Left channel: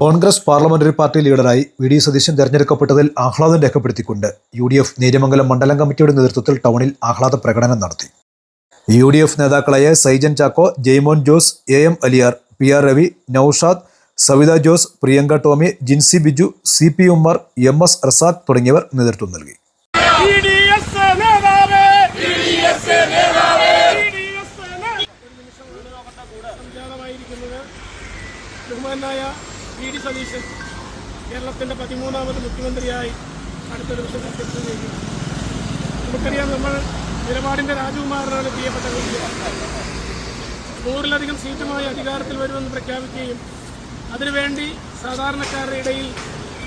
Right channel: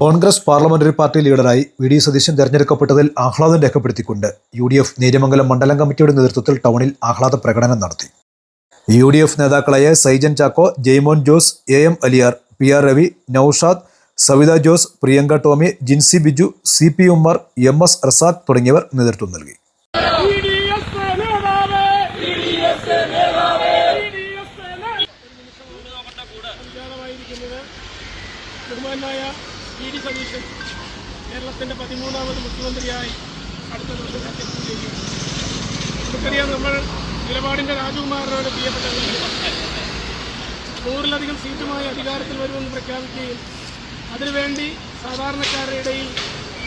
Congress parliamentary party ലീഡറായി വി.ഡി. സതീശൻ തെരഞ്ഞെടുക്കപ്പെട്ടതിൽ ആഹ്ലാദം രേഖപ്പെടുത്തിക്കൊണ്ട് യു.ഡി.എഫ് നേര്യമംഗലം മണ്ഡലം കമ്മിറ്റിയുടെ നേതൃത്വത്തിൽ ടൗണിൽ ആഹ്ലാദ പ്രകടനം നടത്തി. യു.ഡി.എഫ് നേതാക്കളായ Saijan Chacko, Jaimon Jose, A M. Aliyar, PR. Ravi, Naushad, Savitha Jose, Priyanka Tomy, Jincy Biju, CP. Ummer, എം.എസ്. Razak തുടങ്ങിയവർ നേതൃത്വം നൽകി. ബഹുമാനായ വി.ഡി. സതീശൻ കേരളത്തിൻ്റെ 13ാമത് മുഖ്യമന്ത്രിയായി അടുത്ത ദിവസം സത്യപ്രതിജ്ഞ ചെയ്യും. നമുക്കറിയാം, നമ്മൾ നിലപാടിൻ്റെ രാജകുമാരനാണ് പ്രിയപ്പെട്ട വി.ഡി. 100-ലധികം സീറ്റുമായി അധികാരത്തിൽ വരുമെന്ന് പ്രഖ്യാപിക്കുകയും അതിനുവേണ്ടി സാധാരണക്കാരുടെ ഇടയിൽ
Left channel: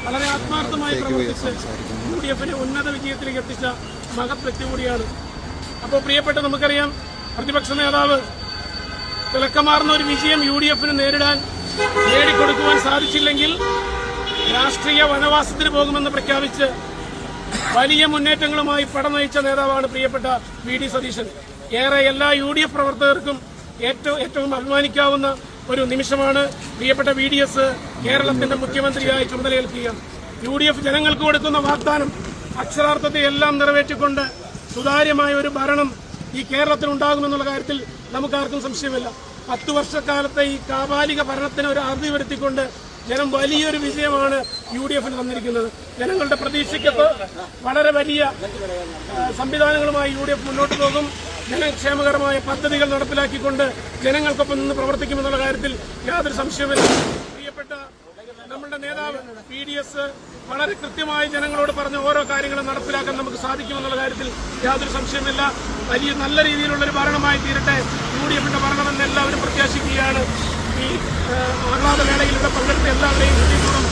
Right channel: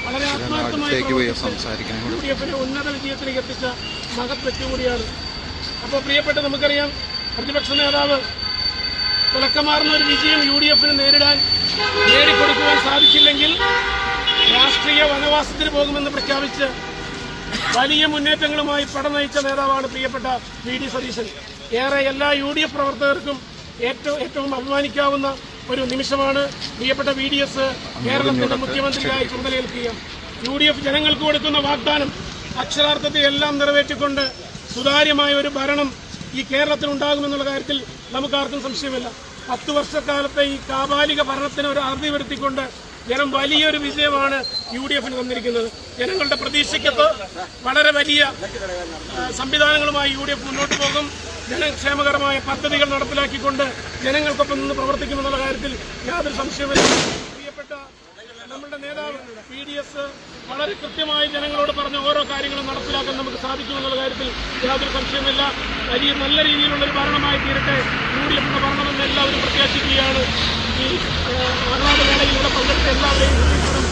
വളരെ ആത്മാർത്ഥമായി പ്രവർത്തിച്ച് യു.ഡി.എഫിനെ ഉന്നത വിജയത്തിലേക്ക് എത്തിച്ച മഹത് വ്യക്തി കൂടിയാണ്. അപ്പോൾ പ്രിയപ്പെട്ട നമുക്കറിയാം, പ്രതിപക്ഷ നേതാവ് തിളക്കമാർന്ന ഒരു വിജയം യു.ഡി.എഫിന് നേടിക്കൊടുക്കുവാൻ സാധിച്ചില്ലെങ്കിൽ രാഷ്ട്രീയ വനവാസത്തിന് പോകുമെന്ന് പ്രഖ്യാപിച്ച് വലിയ മുന്നേറ്റങ്ങളുമായി പടനയിച്ച നേതാവാണ് പ്രിയപ്പെട്ട വി.ഡി. സതീശൻ. ഏറെ എല്ലാ യു.ഡി.എഫ് പ്രവർത്തകർക്കും ഏറ്റവും അഭിമാനിക്കാവുന്ന ഒരു നിമിഷമാണ് പ്രിയപ്പെട്ട വി.ഡി.എസ് കേരളത്തിന്റെ മുഖ്യമന്ത്രിയായി ചുമതലയേൽക്കുക. യു.ഡി.എഫ് ജനങ്ങൾക്ക് കൊടുക്കുന്ന വാഗ്ദാനം അക്ഷരാർത്ഥത്തെ എല്ലാം നിറവേറ്റിക്കൊണ്ട് സുതാര്യമായ ഒരു ഭരണം ഈ കേരളത്തിലുണ്ടാകുമെന്നുള്ള കാര്യത്തിൽ നമുക്കാർക്കും സംശയമില്ല. 10 വർഷക്കാലത്തെ ഈ കാപാലിക ഭരണത്തിന് ഒരു അറുതി വരുത്തിക്കൊണ്ട് ജനം വലിയൊരു വിജയമാണ് യു.ഡി.എഫിന് തന്നിരിക്കുന്നത്. ജനങ്ങളുടെ പ്രതീക്ഷയ്ക്കൊത്ത് വളരെ വലിയ സംവിധാനങ്ങളുമായി യു.ഡി.എഫ് മുന്നോട്ട് പോകും. ജനക്ഷേമകരമായ പദ്ധതികൾ നടപ്പിലാക്കിക്കൊണ്ട് ജനങ്ങൾക്കൊപ്പം നിന്ന് പ്രവർത്തിക്കുമെന്നുള്ള കാര്യത്തിൽ യാതൊരു സംശയമില്ല. പ്രിയപ്പെട്ട നമ്മളുടെ നേതാവ് വി.ഡി.എസ് വളരെ കൃത്യമായി ജനങ്ങളോട് പറഞ്ഞ ഓരോ കാര്യങ്ങളും നടപ്പിലാക്കാൻ നമുക്ക് സാധിക്കുമെന്നുള്ള കാര്യത്തിൽ യാതൊരു സംശയമില്ല. വലിയ നല്ല രീതിയിലുള്ളൊരു ഭരണമായി തീരട്ടെ യു.ഡി.എഫിന്റെ ഭരണമെന്ന് എല്ലാവരും പ്രത്യാശിക്കുകയാണ്. ഈ ആഹ്ലാദ വേളയിൽ ഇവിടെ പങ്കെടുത്ത എല്ലാവരെയും ഹൃദയപൂർവ്വം